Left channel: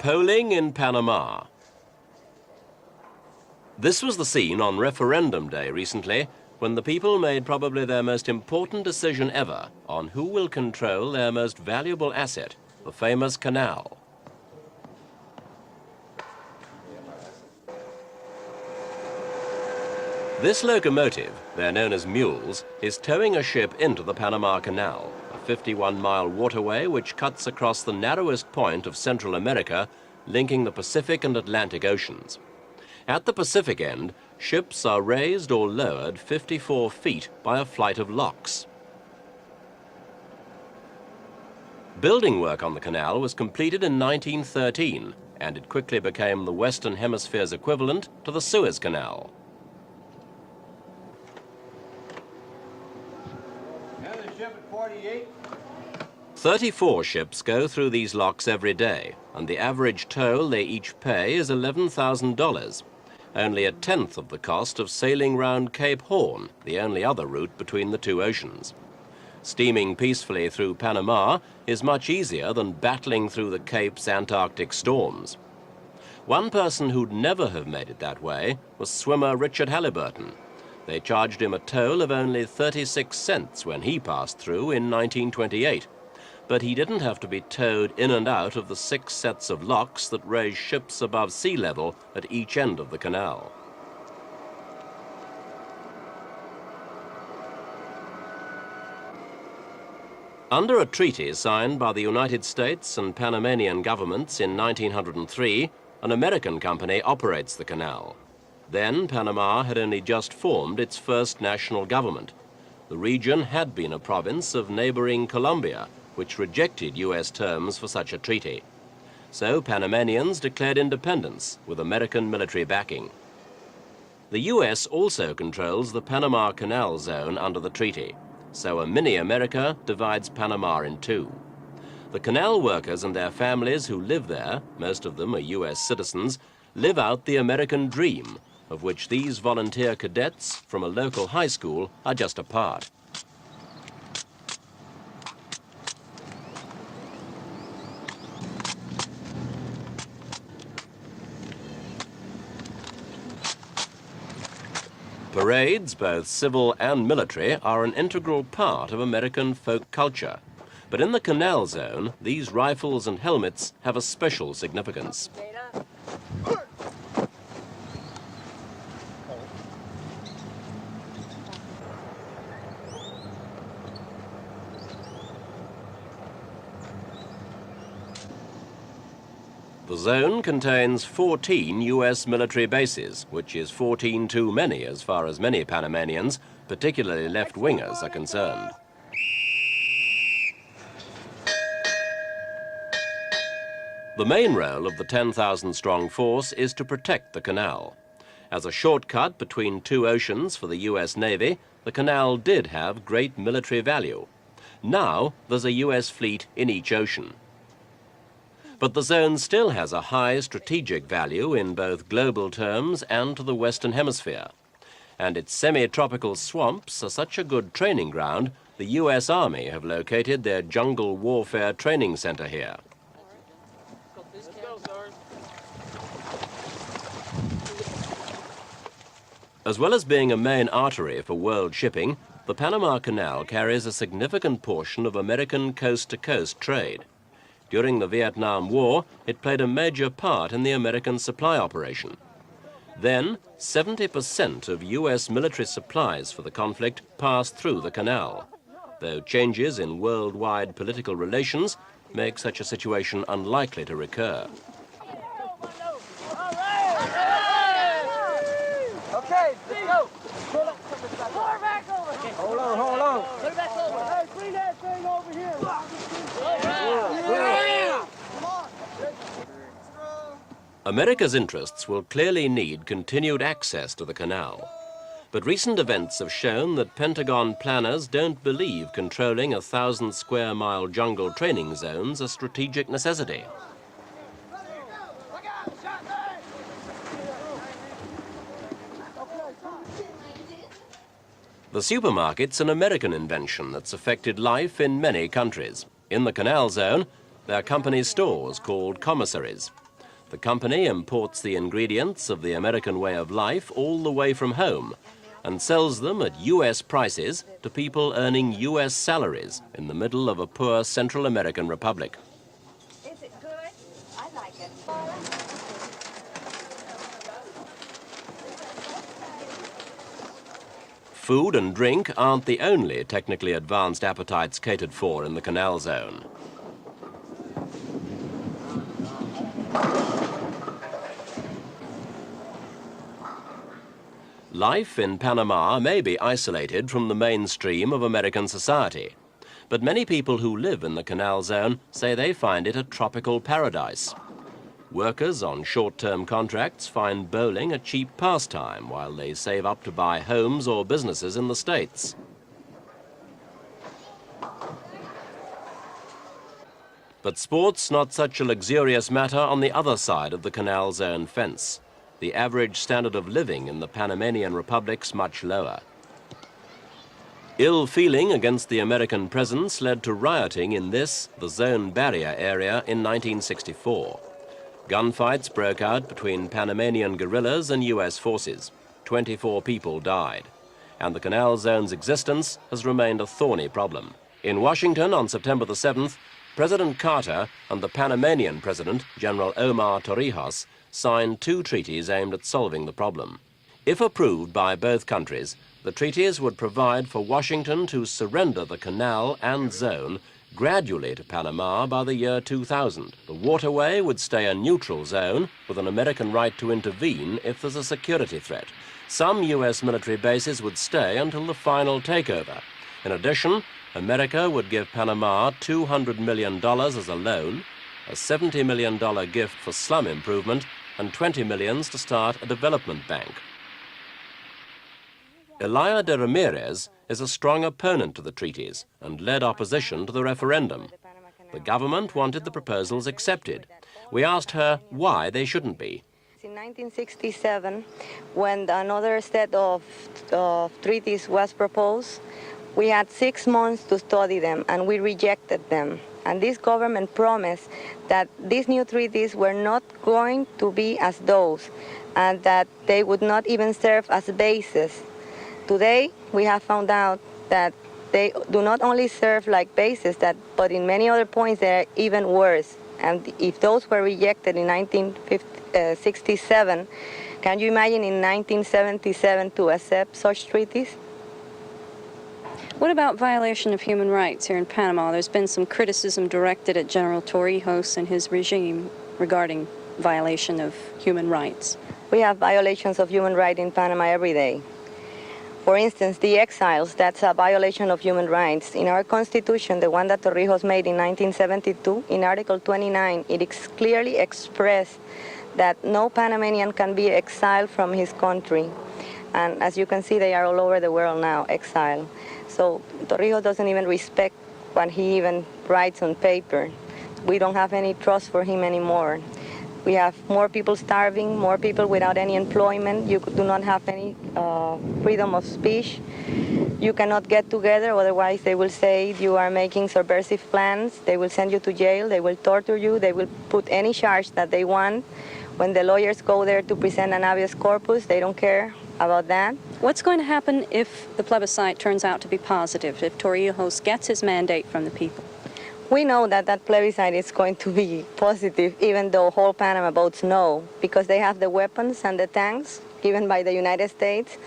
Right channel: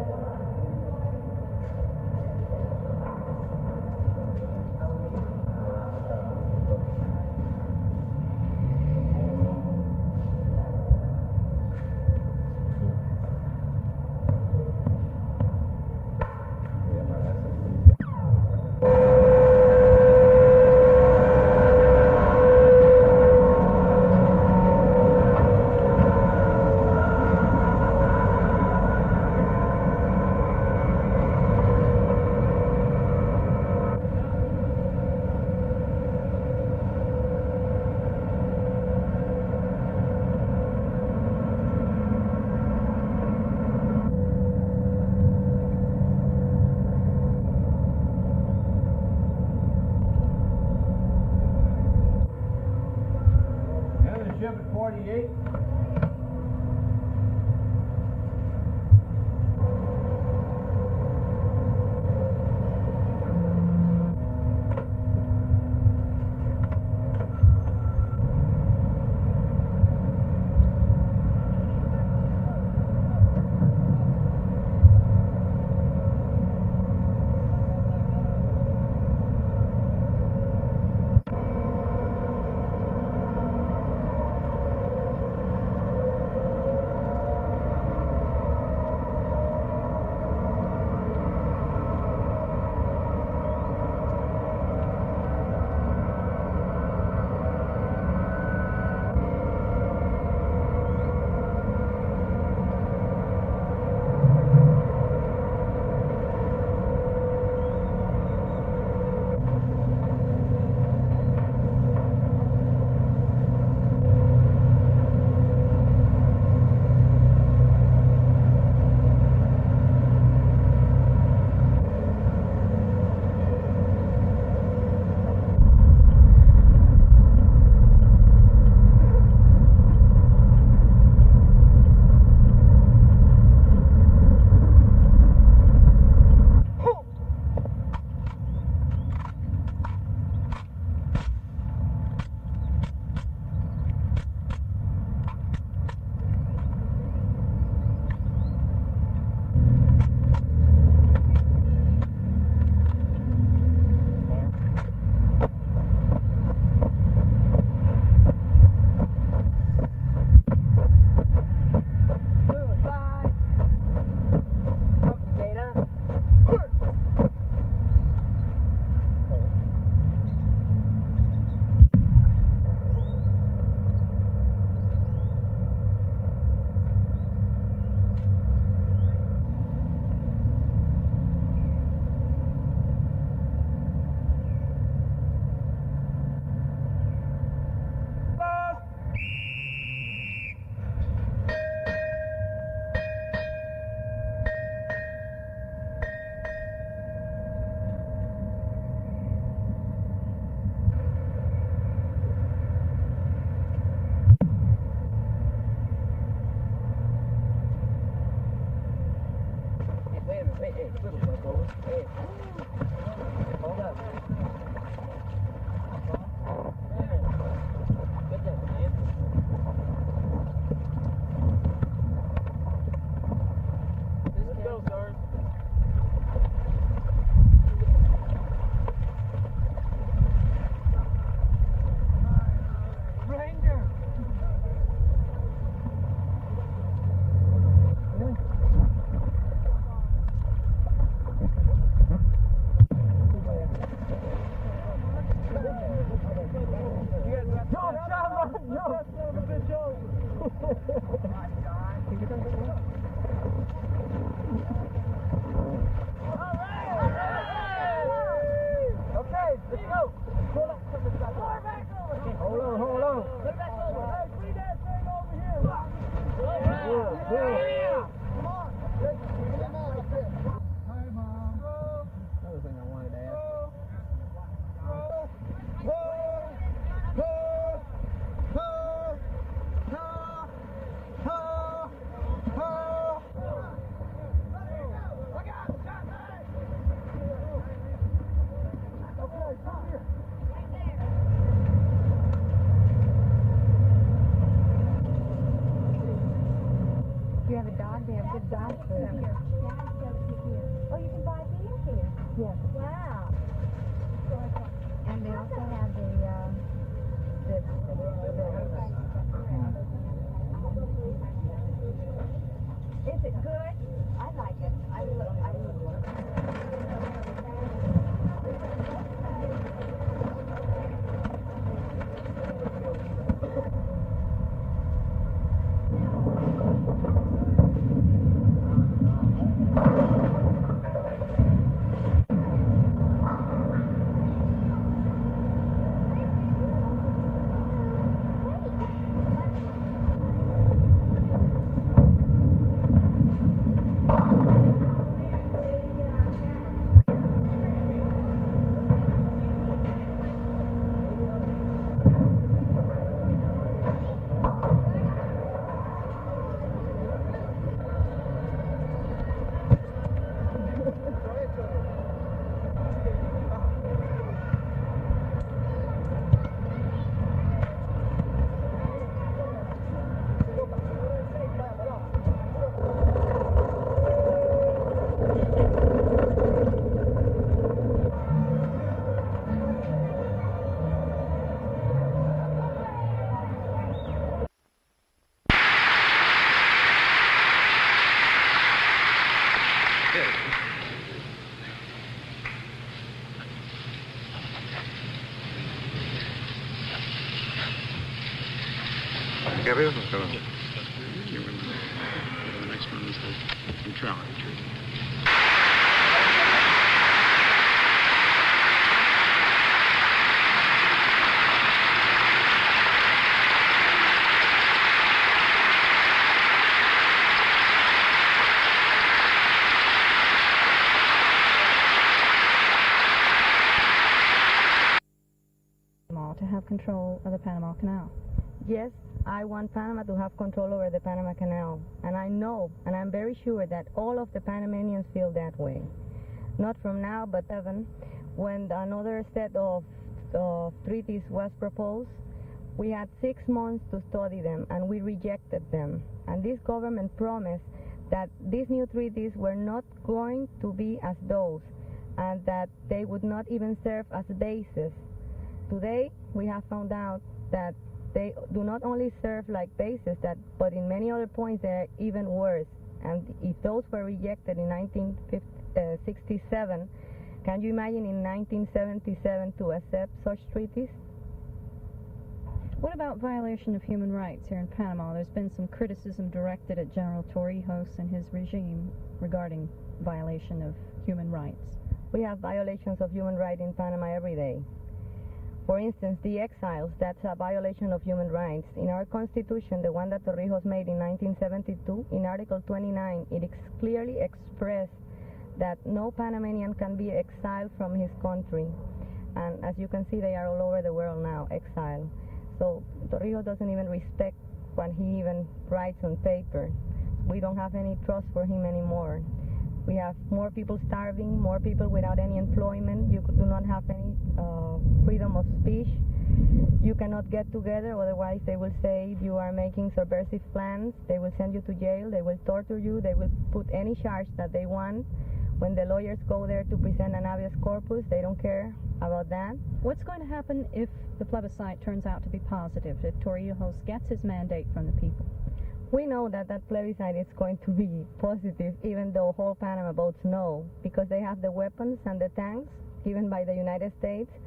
Polling in Panama. This was the scene on referendum day recently, when the people made probably their most important decision ever on who will control their most valuable asset, the famous canal. This locomotive, they're known as mules, is towing a ship into the Panama Canal, a 51-mile waterway which cuts across the narrowest point of Central America, linking the Pacific and Atlantic Oceans. At the Pacific end, ships are raised or lowered 54 feet by a flight of locks. Building work on the canal was completed in 1913, and it quickly became the Western Hemisphere's equivalent to the Suez Canal. 34 ships go through these locks every day, and the average toll they each pay is $11,000, only a tenth of the cost of sailing round Cape Horn, the only other route between the two oceans. Steaming peacefully through Panama is much easier than battling through the Cape's Antarctic storms. One person who'd never have made it that way was swimmer Richard Halliburton. They charged him a toll of only 36 cents when he passed through in 1928. But he didn't have to be towed in and out of the 6 sets of locks that raise ships above sea level at each end of the canal. Under a treaty signed by the United States and Panamanian governments in 1903, an American company operates the canal. Then Panama had only just formed its first national government. The region had been a province of neighboring Colombia, which rejected US terms for such a treaty. So Panamanians declared independence with American military backing. The US also controls the Panama Canal zone under the treaty, so a mini-America divides Panama in two. The canal workers and their families who live there, most of them are US citizens, live out the American dream, of which these volunteer cadets from a local high school are just a part. Parades, both civil and military, are an integral part of American folk culture. But in the canal zone, these rifles and helmets have a special significance. The zone contains 14 US military bases, which is 14 too many as far as many Panamanians, particularly left-wingers, are concerned. The main role of the 10,000-strong force is to protect the canal. As a shortcut between two oceans for the US Navy, the canal did have great military value. Now there's a US fleet in each ocean. But the zone still has a high strategic value in both global terms and to the Western Hemisphere. And its semi-tropical swamps are such a good training ground, the US Army have located their jungle warfare training center here. As well as being a main artery for world shipping, the Panama Canal carries a significant portion of American coast-to-coast trade. During the Vietnam War, it played a major part in the American supply operation. Then, 70% of US military supplies for the conflict passed through the canal, though changes in worldwide political relations make such a situation unlikely to recur. Okay, go! Hold on, hold on. Hey, bring that thing over here. America's interests will clearly need continued access to the canal. But recent events have shown that Pentagon planners don't believe controlling 1,000-square-mile jungle training zones a strategic necessity. The supermarket's an American invention that's affected life in many countries. In the canal zone, there are company stores called commissaries. The company imports the ingredients of the American way of life all the way from home and sells them at US prices to people earning US salaries in the middle of a poor Central American republic. Is it good? I like it. Food and drink aren't the only technically advanced appetites catered for in the canal zone. Life in Panama may be isolated from the mainstream of American society, but many people who live in the canal zone say they find it a tropical paradise. Workers on short-term contracts find bowling a cheap pastime while they save up to buy homes or businesses in the States. But sport's not such a luxurious matter on the other side of the canal zone fence. The average standard of living in the Panamanian republic's much lower. Ill feeling against the American presence led to rioting in this, the zone barrier area, in 1964. Gunfights broke out between Panamanian guerrillas and US forces. 24 people died, and the canal zone's existence has remained a thorny problem. In Washington on September the 7th, President Carter and the Panamanian President, General Omar Torrijos, signed 2 treaties aimed at solving the problem. If approved by both countries, the treaties would provide for Washington to surrender the canal and zone gradually to Panama by the year 2000. The waterway would stay a neutral zone with an American right to intervene if there's a security threat. Some US military bases would stay until the final takeover. In addition, America would give Panama $200 million as a loan, a $70 million gift for slum improvement, and $20 million to start a development bank. Elia de Ramirez is a strong opponent to the treaties and led opposition to the referendum. The government wanted the proposals accepted. We asked her why they shouldn't be. In 1967, when another set of treaties was proposed, we had 6 months to study them, and we rejected them. And this government promised that these new treaties were not going to be as those, and that they would not even serve as bases. Today, we have found out that they do not only serve like bases, but in many other points, they're even worse. And if those were rejected in 1967, can you imagine in 1977 to accept such treaties? What about violation of human rights here in Panama? There's been some criticism directed at General Torrijos and his regime regarding violation of human rights. We have violations of human rights in Panama every day. For instance, the exiles, that's a violation of human rights. In our Constitution, the one that Torrijos made in 1972, in Article 29, it clearly expressed that no Panamanian can be exiled from his country. And as you can see, they are all over the world now, exiled. So Torrijos doesn't even respect what he even writes on paper. We don't have any trust for him anymore. We have more people starving, more people without any employment. You do not have any freedom of speech. You cannot get together, otherwise they will say you are making subversive plans. They will send you to jail, they will torture you, they will put any charge that they want. When the lawyers go there to present an habeas corpus, they don't care about that. What's going to happen if the plebiscite turns out to be positive, if Torrijos gets his mandate from the people? We know that that plebiscite is going to be positive, even though whole Panama votes no, because they have the weapons and the tanks given by the United States.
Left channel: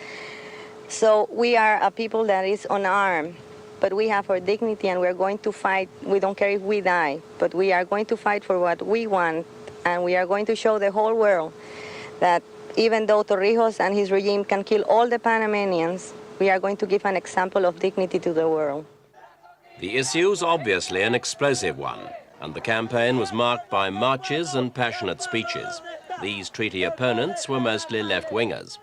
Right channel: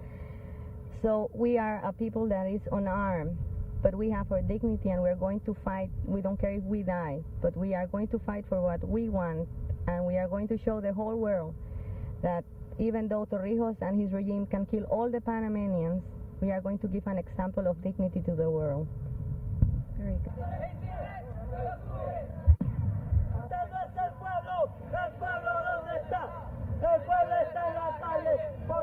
So we are a people that is unarmed, but we have our dignity and we're going to fight. We don't care if we die, but we are going to fight for what we want, and we are going to show the whole world that even though Torrijos and his regime can kill all the Panamanians, we are going to give an example of dignity to the world. The issue's obviously an explosive one, and the campaign was marked by marches and passionate speeches. These treaty opponents were mostly left-wingers.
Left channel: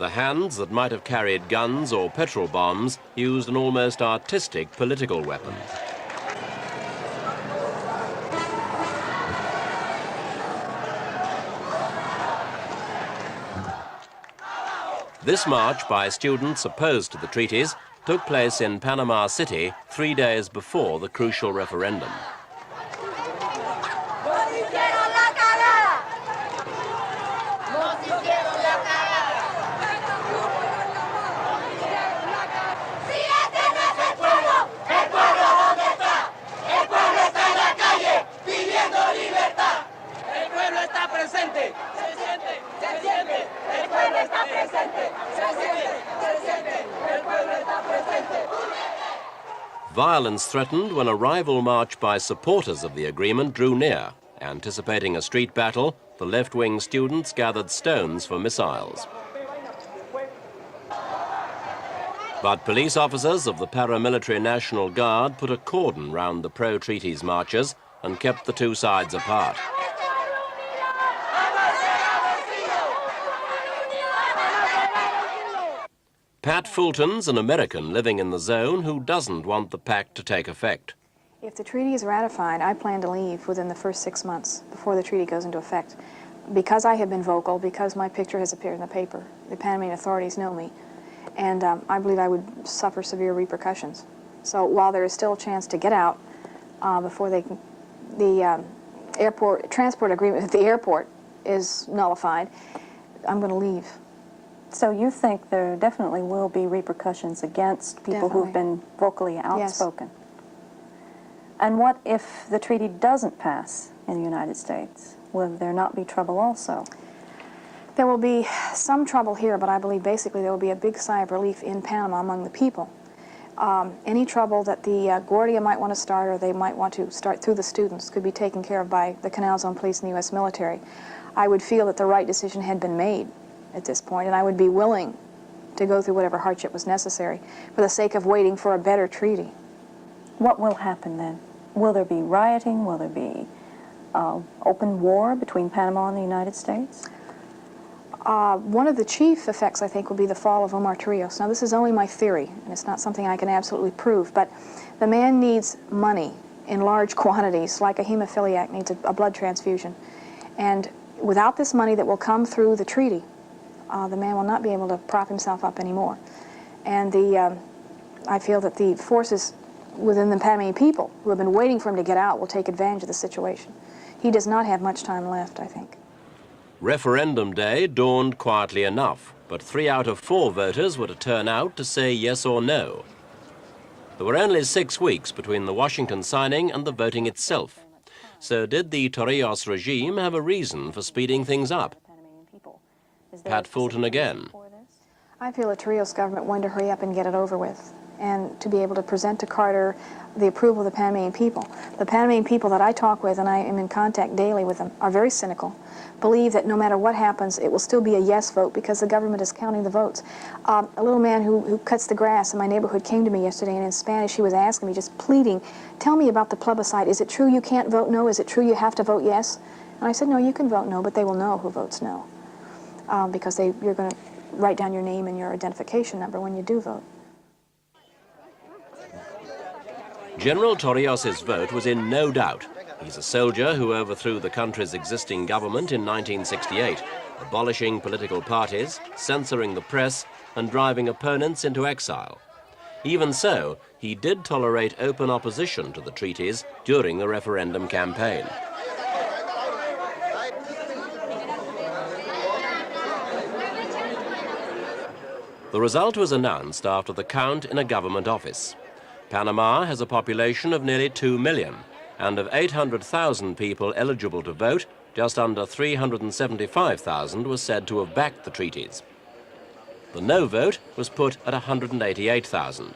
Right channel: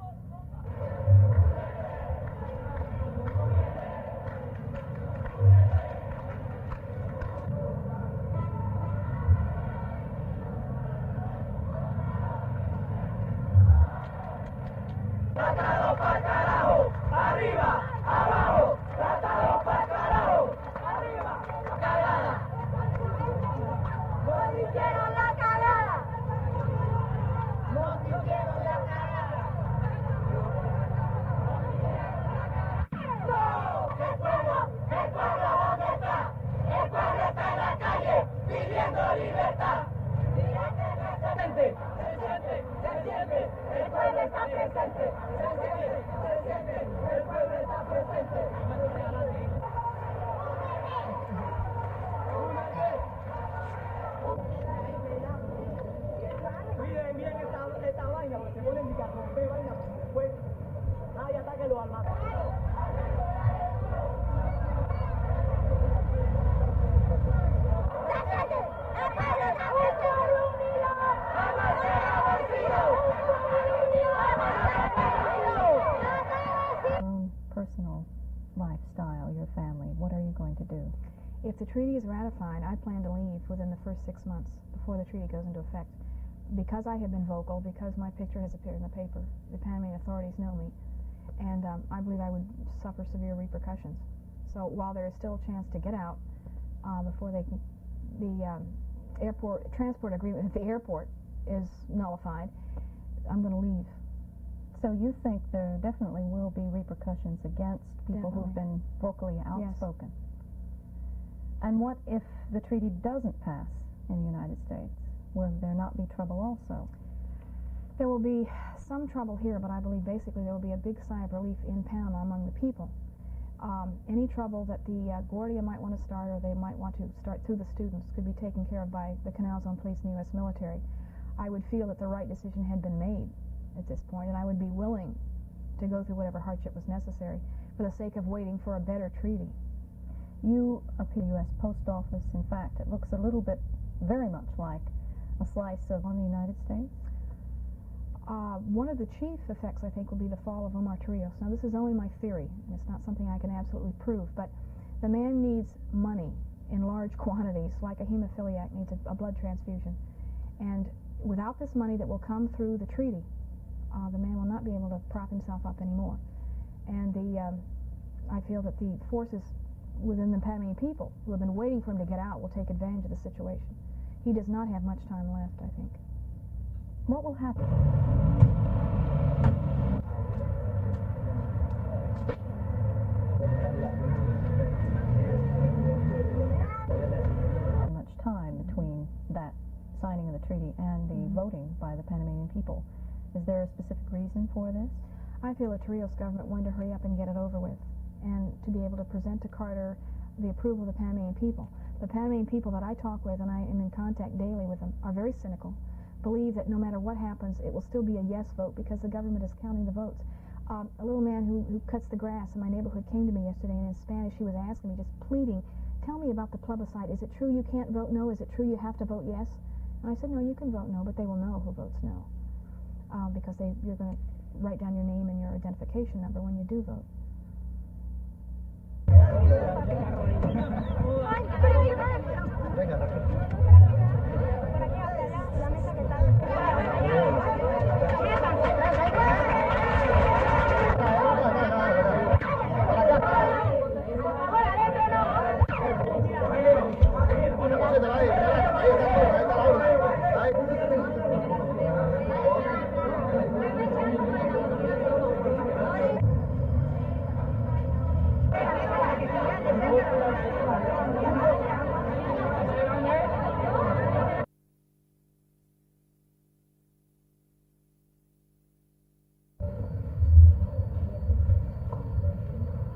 The hands that might have carried guns or petrol bombs used an almost artistic political weapon. This march by students opposed to the treaties took place in Panama City 3 days before the crucial referendum. Violence threatened when a rival march by supporters of the agreement drew near. Anticipating a street battle, the left-wing students gathered stones for missiles. But police officers of the paramilitary National Guard put a cordon round the pro-treaties marchers and kept the two sides apart. Pat Fulton's an American living in the zone who doesn't want the pact to take effect. If the treaty is ratified, I plan to leave within the first 6 months before the treaty goes into effect. Because I have been vocal, because my picture has appeared in the paper, the Panamanian authorities know me, and I believe I would suffer severe repercussions. So while there is still a chance to get out before they can, the airport transport agreement at the airport is nullified, I'm going to leave. So you think there definitely will be repercussions against people who've been vocally outspoken? Yes. And what if the treaty doesn't pass in the United States? Will there not be trouble also? There will be some trouble here, but I believe basically there will be a big sigh of relief in Panama among the people. Any trouble that the Guardia might want to start, or they might want to start through the students, could be taken care of by the Canal's own police and the U.S. military. I would feel that the right decision had been made at this point, and I would be willing to go through whatever hardship was necessary for the sake of waiting for a better treaty. What will happen then? Will there be rioting? Will there be open war between Panama and the United States? One of the chief effects, I think, will be the fall of Omar Torrijos. Now, this is only my theory, and it's not something I can absolutely prove, but the man needs money in large quantities, like a hemophiliac needs a blood transfusion. And without this money that will come through the treaty, the man will not be able to prop himself up anymore. And I feel that the forces within the Panamanian people who have been waiting for him to get out will take advantage of the situation. He does not have much time left, I think. Referendum day dawned quietly enough, but 3 out of 4 voters were to turn out to say yes or no. There were only 6 weeks between the Washington signing and the voting itself. So did the Torrijos regime have a reason for speeding things up? Pat Fulton again. I feel the Torrijos government wanted to hurry up and get it over with, and to be able to present to Carter the approval of the Panamanian people. The Panamanian people that I talk with, and I am in contact daily with them, are very cynical, believe that no matter what happens, it will still be a yes vote because the government is counting the votes. A little man who cuts the grass in my neighborhood came to me yesterday, and in Spanish he was asking me, just pleading, tell me about the plebiscite. Is it true you can't vote no? Is it true you have to vote yes? And I said, no, you can vote no, but they will know who votes no. Because you're going to write down your name and your identification number when you do vote. General Torrijos' vote was in no doubt. He's a soldier who overthrew the country's existing government in 1968, abolishing political parties, censoring the press, and driving opponents into exile. Even so, he did tolerate open opposition to the treaties during the referendum campaign. The result was announced after the count in a government office. Panama has a population of nearly 2 million, and of 800,000 people eligible to vote, just under 375,000 was said to have backed the treaties. The no vote was put at 188,000,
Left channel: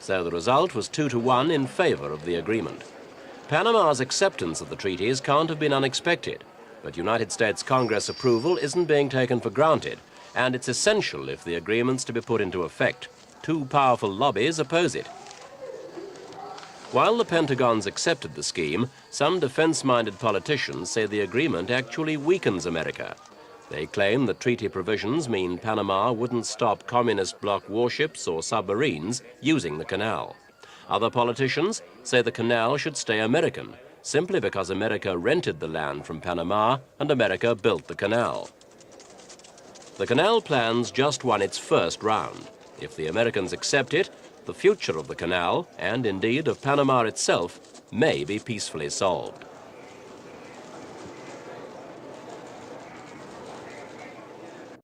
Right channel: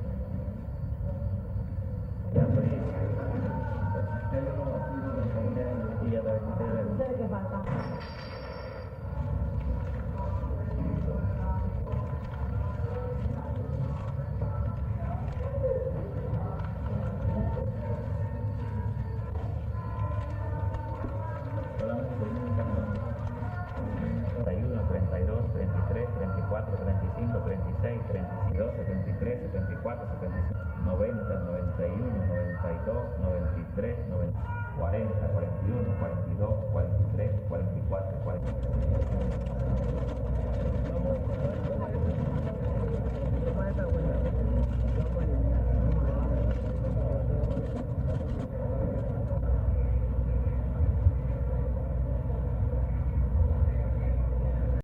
so the result was 2-1 in favor of the agreement. Panama's acceptance of the treaties can't have been unexpected, but United States Congress approval isn't being taken for granted, and it's essential if the agreement's to be put into effect. 2 powerful lobbies oppose it. While the Pentagon's accepted the scheme, some defense-minded politicians say the agreement actually weakens America. They claim the treaty provisions mean Panama wouldn't stop communist bloc warships or submarines using the canal. Other politicians say the canal should stay American, simply because America rented the land from Panama and America built the canal. The canal plan's just won its first round. If the Americans accept it, the future of the canal, and indeed of Panama itself, may be peacefully solved.